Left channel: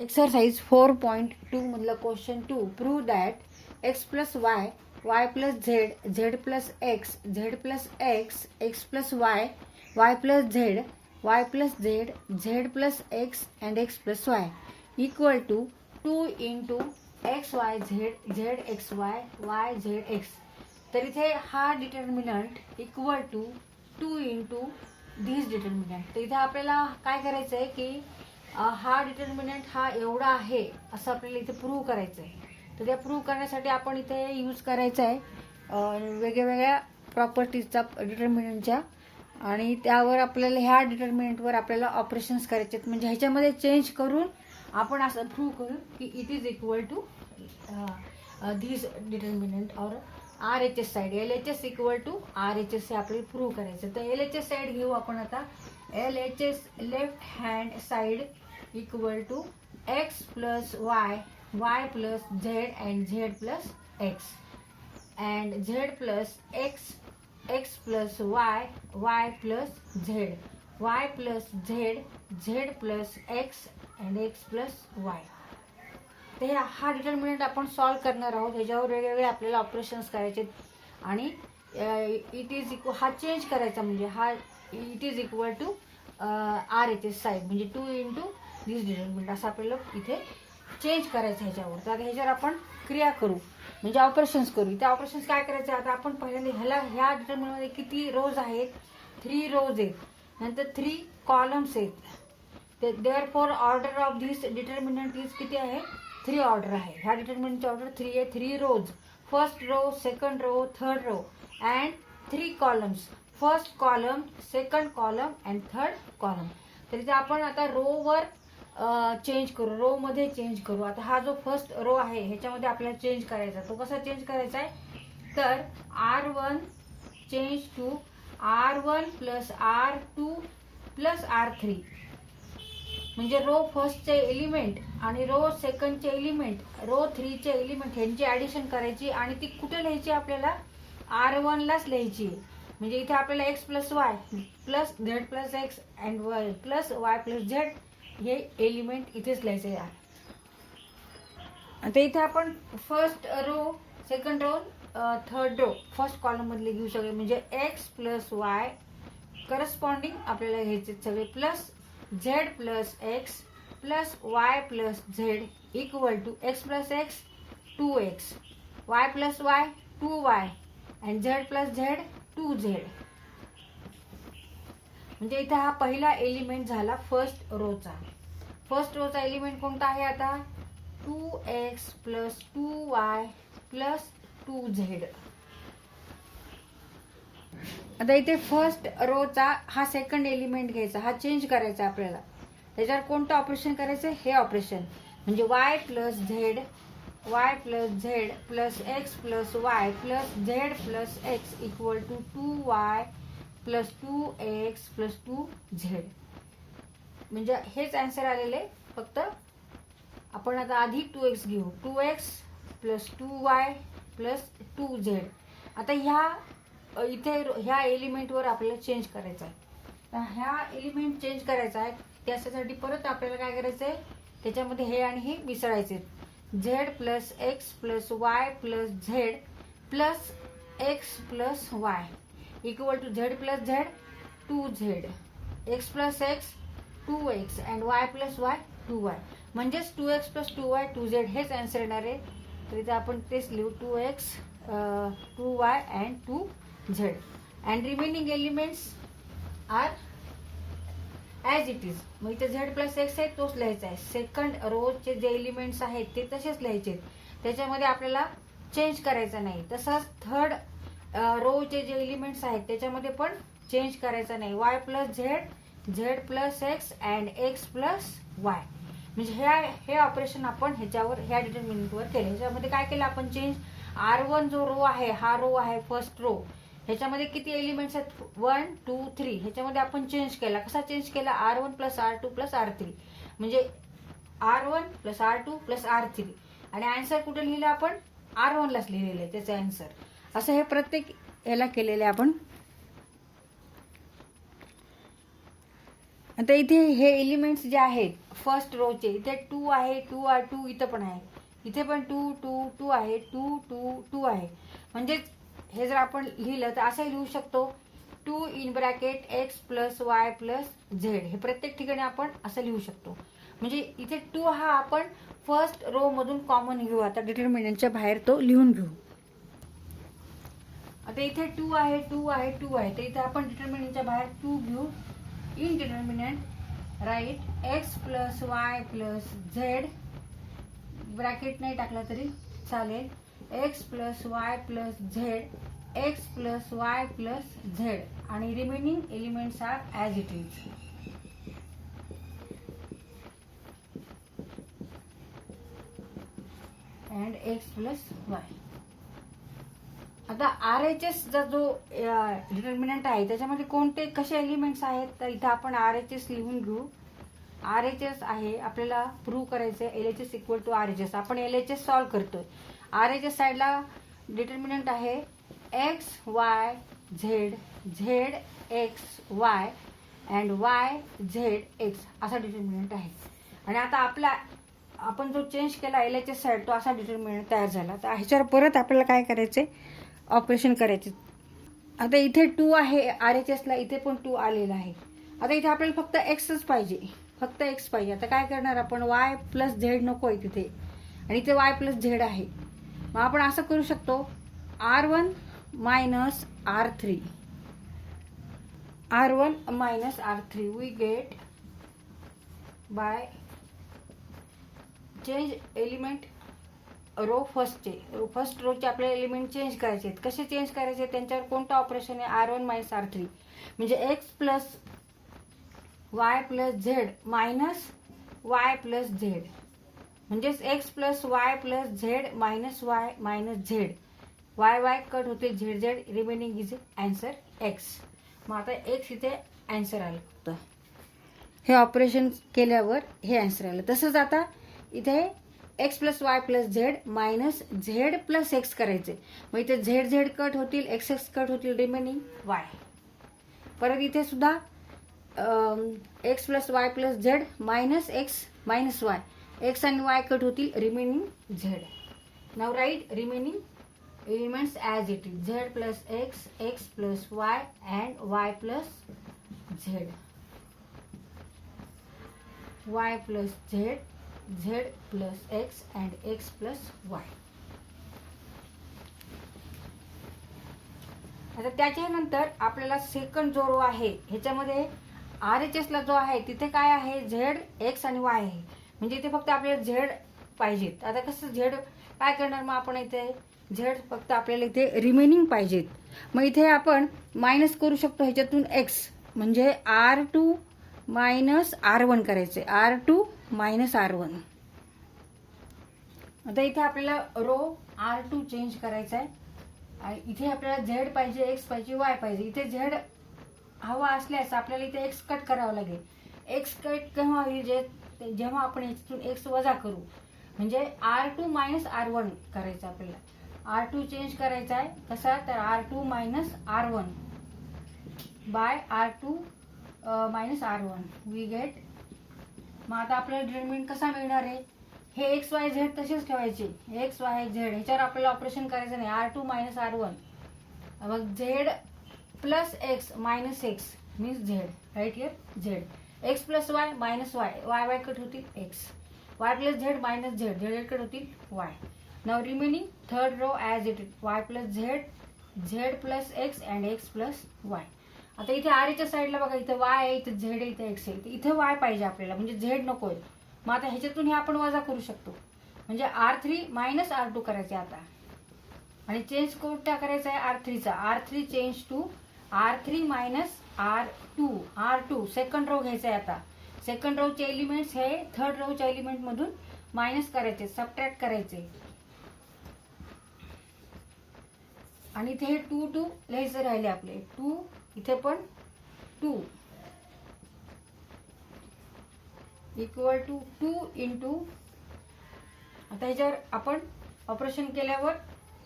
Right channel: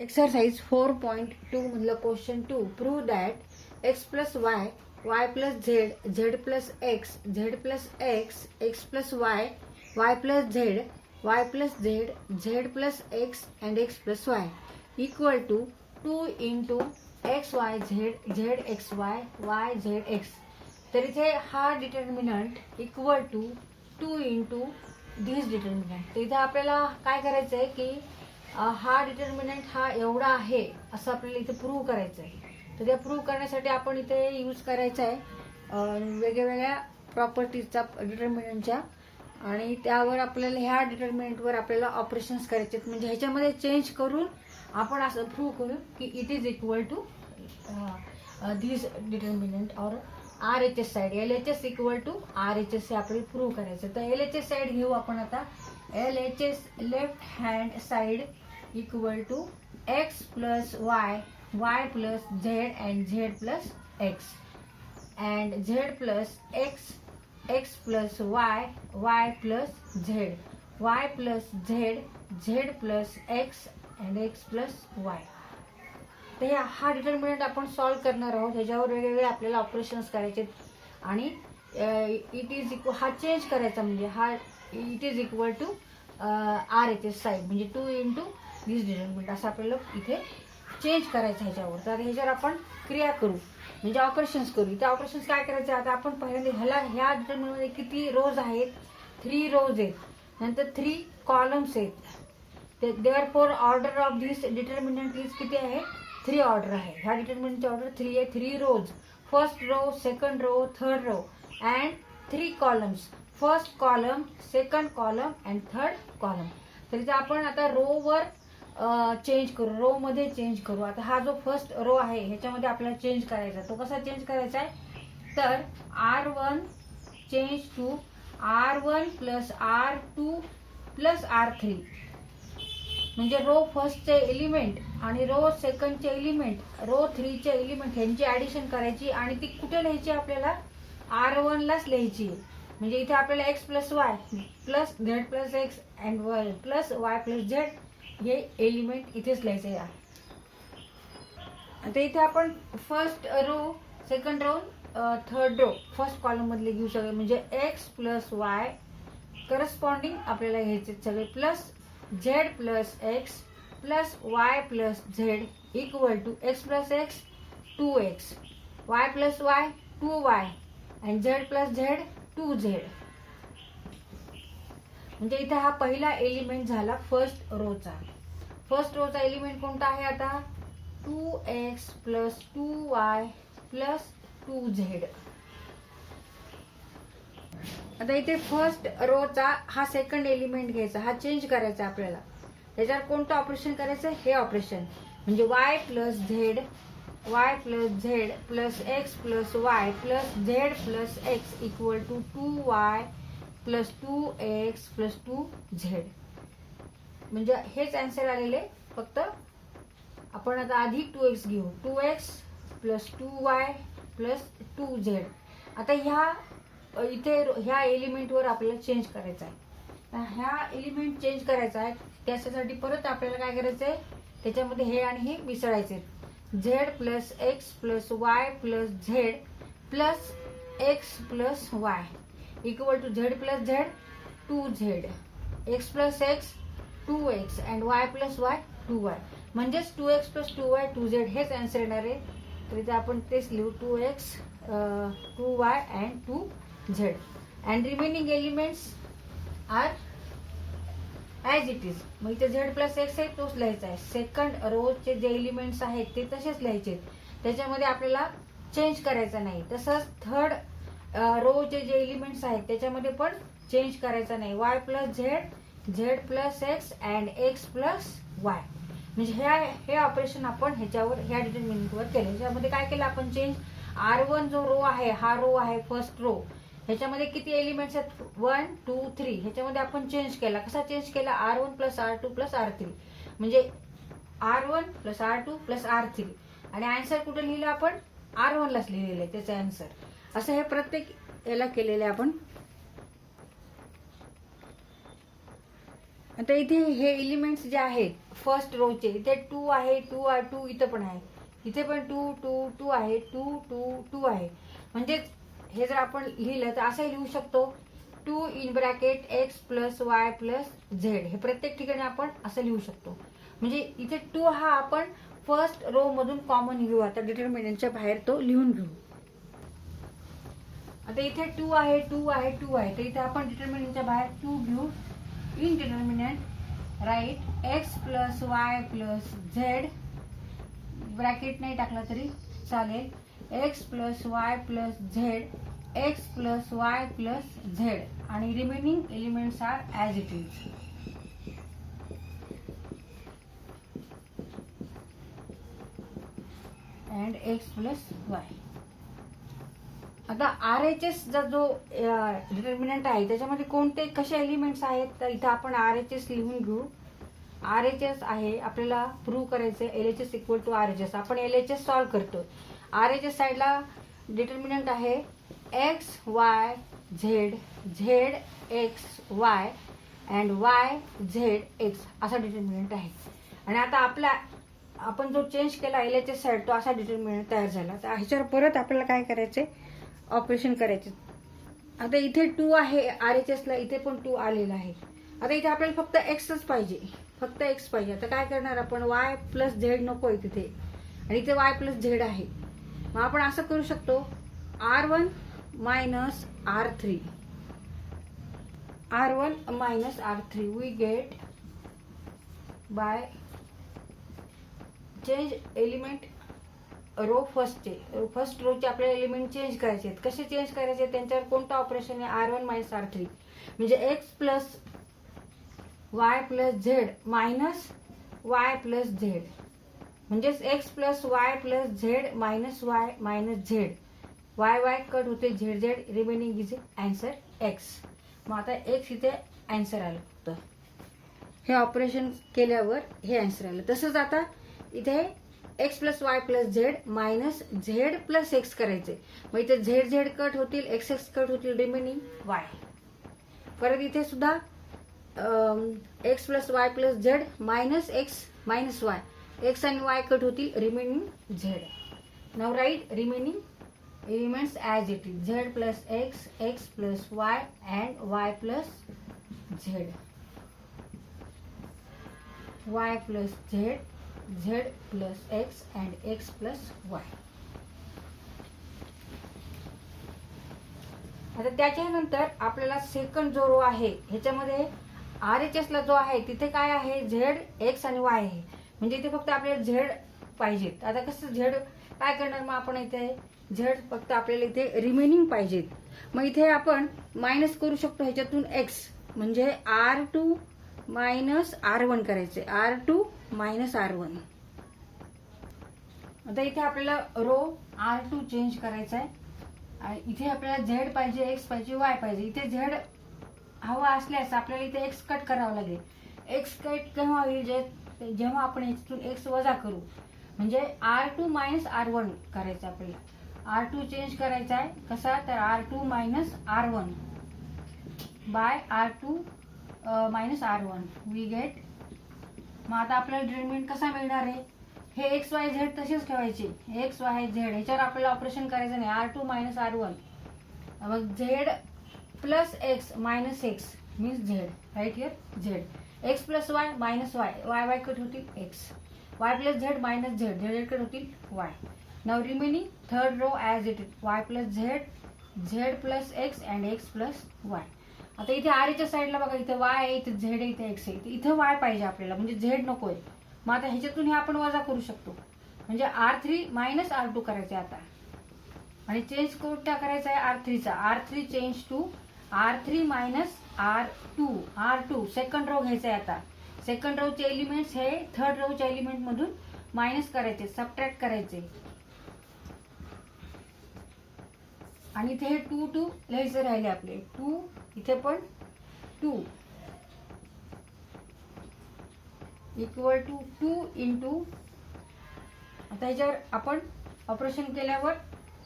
Exercise 4.2 मधलं question 2 prove that x plus y y plus z z plus x z plus x x plus y plus z y plus z z plus x and x plus y equal to 2 into x y z z x y z x. तर इथे हा determinant equal to 2 into this determinant. तर इथे आपल्याला काय करायचं आहे की हा डिटर्मिनंट हा एवढा आहे असं आपल्याला इथे प्रूव्ह करायचं आहे. तर ते प्रूव्ह करण्यासाठी आपण इथे यूज करायचं आहे वेगवेगळ्या प्रॉपर्टीजचा डिटर्मिनंटच्या, आणि त्यावर आपल्याला ह्या डिटर्मिनंटवर आपल्याला ऑपरेशन्स करायचे आहेत. म्हणजे ह्याच्यामध्ये चेंज करून आपण असं प्रूव्ह करू की it is equal to this determinant और RHS side LHS equal to RHS हे आपल्याला प्रूव्ह करायचं. तर LHS साइड घेऊ आपण आता. LHS left hand side equal to x plus y plus z and z plus x and z plus x plus y plus z plus x and x plus y. तर हा determinant आपण solve करणार आहोत. ह्याच्यावर वेगवेगळे आपल्याला operations करायचे आणि इट इज इक्वल हा चेंज करायचा, म्हणजे हा it is equal to RHS side म्हणजे 2 इंटू दिस डिटर्मिनंट असं आपल्याला इथे चेंज करायचं ह्याच्यावर. तर ह्याच्यावर आपण क्रिया करू म्हणजे ऑपरेशन्स करू. त्या ऑपरेशन्स काय करायचे आता आपण पहिल्यांदा ह्या डिटर्मिनंटमध्ये किती रोज आहेत, 3 रोज आहेत, नंतर 3 कॉलम्स आहेत. Therefore order of this determinant is किती आहे, 3 ऑर्डर आहे. ह्या डिटर्मिनंटची ऑर्डर 3 आहे. 3 rows, first row, second row, third row and 3 columns, first column, second column and third column. तर इथे आपण आता रोवर चेंज करू, रो मध्ये चेंज करू. आता हा जो फर्स्ट रो आहे ह्याच्यामध्ये आपल्याला चेंज करायचा. तो कसा चेंज करायचा आहे, तर R1 change to R1 plus R2 plus R3. म्हणजे रो फर्स्टचे एलिमेंट आणि रो सेकंडचे एलिमेंट, रो 3 चे एलिमेंट ह्यांची ऍडिशन करायची आणि ती कुठे लिहायची, आपल्याला R1 लाच लिहायची. म्हणजे इथे आपल्याला x plus y plus z plus x and y plus y plus z हे एलिमेंट इथेच लिहायचे आहे. आता इथे आपण first row, second row, third row first column मधले घेऊ शकतो. म्हणजे x प्लस वाय करस्पॉन्डिंग आपल्याला घ्यायचे सगळे plus z plus x plus y plus z equal to x plus x 2x, y plus y 2y and z plus z 2z. म्हणजे इथे हा पहिला एलिमेंट झाला फर्स्ट रोचा. फर्स्ट रोचा एलिमेंट कोणता आहे आता, 2x plus 2y plus 2z. आता इथे फर्स्ट रोचा हा सेकंड एलिमेंट घ्यायचा, हा चेंज करायचा आपल्याला. त्याच्यावर कोणतं ऑपरेशन करायचं, हे ऑपरेशन. म्हणजे y plus z plus x plus y plus z plus x equal to 2y plus 2x plus 2z. म्हणजे हेच आन्सर आलेले, फक्त आपण आता आधी 2x घेऊ. 2x plus 2y plus 2z. आता इथे ह्या एलिमेंटवर आपल्याला चेंज करायचं आहे. तर ह्या एलिमेंट चेंज करायचा आहे, त्याच्यासाठी परत आपल्याला काय करायचं आहे, त्याच्यामध्ये हे आणि हे मिसळायचे. Z plus x plus y plus z plus x plus y equal to z plus z 2z, x plus x 2x and y plus y 2y. म्हणजेच 2x प्लस 2y 2z हेच आन्सर येणार आहे. तर इथे आपण तेच लिहू, 2x 2y and 2z and remaining elements are as it is. मग इथे झेड प्लस एक्स आहे तोच लिहायचा आहे. सेकंड रोचे जे एलिमेंट्स आहेत ते तसेच लिहायचे, त्याच्यामध्ये आपल्याला चेंज करायचा नाही. तसंच थर्ड रोचे जे एलिमेंट्स आहेत त्याच्यामध्ये पण चेंज करायचा नाही. Y plus z plus x and x plus Y. म्हणजे हे ऑपरेशन आपण ह्याच्यावर ह्या डिटर्मिनंटवर केलं. ह्याच्यामध्ये काय केलं आपण चेंज, R1 जो रो आहे, हा रो आहे फर्स्ट रो, ह्याच्यामध्ये किती एलिमेंट्स आहेत, 1 2 3. ह्याच्यामध्ये आपण चेंज केला. कसा चेंज केला, R1 plus R2 plus R3. म्हणजे R1 plus R2 plus R3 आणि आन्सर कुठे लिहिलं आपण, R1 लाच लिहिलेलं आहे त्याचा आन्सर. असं हे प्रत्येक याला केलेलं आहे आपण. आता इथे हे एलिमेंट्स जे आहेत फर्स्ट रोचे, इथे 2 आहे, 2 इथं पण आहे, इथे पण 2 आहे, 2 आहे. म्हणजे हे जर आपण लिहिलं तर असं लिहू शकतो 2 in bracket x plus y plus z. हे प्रत्येक ठिकाणी आपण असं लिहू शकतो. म्हणजे इथे 2 हा आपण फर्स्ट रो मधून कॉमन घेऊ. आता डिटर्मिनंटच्या बाहेर तो लिहून घेऊ. आता इथे 2 आहे, तर इथे आपण डिटर्मिनंटच्या बाहेर 2 घेऊ. In determinant right x plus y plus z, bracket नाही टाकला तरी चालेल, x plus y plus z, x plus y plus z, आणि remaining elements are as it is. And x plus y. आता RHS चा जो डिटर्मिनंट आहे त्याच्यामध्ये कोणते कसे एलिमेंट्स आहेत, तर इथं आपण RHS लिहून घेऊ. RHS आहे, आपल्याला प्रूव्ह करायचं LHS इक्वल टू RHS. आपण LHS सॉल्व्ह करतो. RHS साईडला डिटर्मिनंट आहे x y z, z x Y and Y z x, असा डिटर्मिनंट आहे. आणि आता आपण जो चेंज केला LHS साईड, तो असा डिटर्मिनंट तयार झाला. तर ह्याच्यावर परत आपल्याला काय करायचंय, ऑपरेशन करायचे. आता इथे 2 आहे RHS ला, इथे पण 2 आलेला आहे. आता इथे आपल्याला फक्त एक्सच पाहिजे, फक्त एक्स पाहिजे. आता काय करणार आपण, वाय प्लस झेड नको आहे तिथे, आणि इथे वाय प्लस झेड आहे. मग आपण असं करू शकतो R1 minus R3, R1 minus R3 we get by change element row first रोचे आपल्याला एलिमेंट चेंज करायचे आहेत. कसे चेंज करायचे, त्यांच्यावर कोणतं ऑपरेशन आहे, R1 मायनस R3, म्हणजे x plus y plus z minus y plus z, म्हणजेच x plus y plus z minus y minus z. Y cut होते, z z, remaining is answer x. मग आता x इथे answer आलं. तर हे operation केल्यावर हे अँसर आलं. तसंच आता इथे x plus y plus z minus z plus x करायचे. मग इथे झेड झेड कट होतील, एक्स एक्स कट होतील, रिमेनिंग वाय. परत इथे सुद्धा x plus y plus z minus x minus y, x आणि वाय कट होतील, remaining z. Now write remaining elements as it is, z plus x, x plus y and y plus z, y plus z, z plus x and x plus y. आता त्याच्यानंतर आपल्याला second जो row आहे ह्याच्यामध्ये RHS ला जो आहे तिथे काय आहे, झेड एक्स आणि वाय आहे. म्हणजे इथे फक्त आपल्याला झेड पाहिजेत. आता कसं झेड काय करणार, मग आपण इथे झेड फक्त आपल्याला इथे रिमेनिंग पाहिजेत. मग इथे आपण मायनस करू शकतो ह्याच्यातून एक्स, म्हणजे R2 मायनस R1 करायचे, R2 मायनस R1. आता इथे आपल्याला रो R2 चेंज करायचा आहे. इथे आपल्याला झेड पाहिजे, एक्स पाहिजे, वाय पाहिजे. इथे झेड हवा असल्यास आपल्याला इथे एक्स कट करावं लागेल. एक्स कट केव्हा होईल, जेव्हा आपण याच्यातून एक्स वजा करू, म्हणजे R2 मायनस R1 करायचं आपल्याला. R2 चेंज करायचा आहे कसा, तर R2 minus R1 by R2 minus R1 we get. मग आता आपल्याला डिटर्मिनंट कसा मिळणार आहे, हे एक्स वाय झेड तसेच ठेवायचे, एक्स वाय झेड ह्याच्यावर आपल्याला ऑपरेशन करायचं नाही. R2 मायनस R1, मग z plus x minus x means z, right here z. X plus y minus y, y y cut होतील x, y plus z minus z, z z cut होतील y. Now remaining third row as it is, y plus z, z plus x and x plus y. आता इथे आरच्या साईडला बघा, इथे Y आहे, इथे झेड आहे, इथे एक्स आहे, इथे वाय पाहिजे आपल्याला, म्हणजे झेड नको आहे. मग आता ह्याच्यातून हे आपण वजा करू शकतो, म्हणजे R3 मायनस R2 करायचे आता, आणि चेंज कोणता करायचा आहे R3चा. R3 change to R3 minus R2 second row घ्यायचा आहे. आता सेकंड रोचे एलिमेंट्स हे थर्ड रोच्या एलिमेंट मधून मायनस करायचे, सबट्रॅक्ट करायचे, आणि इथे हे 2 लिहायचे राहिले आपले 2, इथे पण 2 इक्वल टू 2 इंटू. आता याच्यावर आपण ऑपरेशन केल्यावर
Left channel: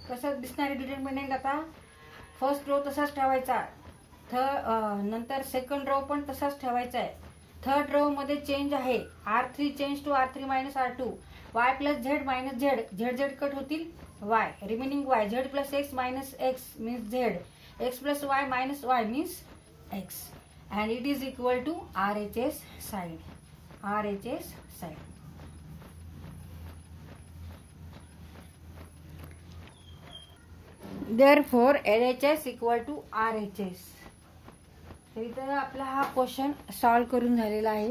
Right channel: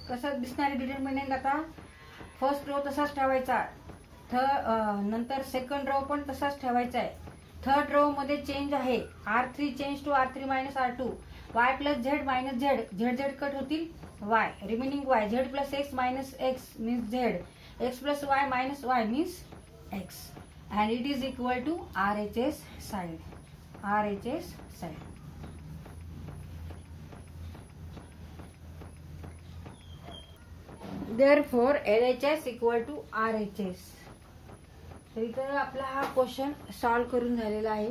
कसं दिसणारे डिटर्मिनंट, आता फर्स्ट रो तसाच ठेवायचा, नंतर सेकंड रो पण तसाच ठेवायचा आहे, थर्ड रो मध्ये चेंज आहे R3 change to R3 minus R2, y plus z minus z, z z cut होतील y, remaining y, z plus x minus x means z, x plus y minus y means x, and it is equal to RHS side. RHS side. Therefore LHS equal to RHS. तर इथं आपला हा question solve करून झालेला आहे.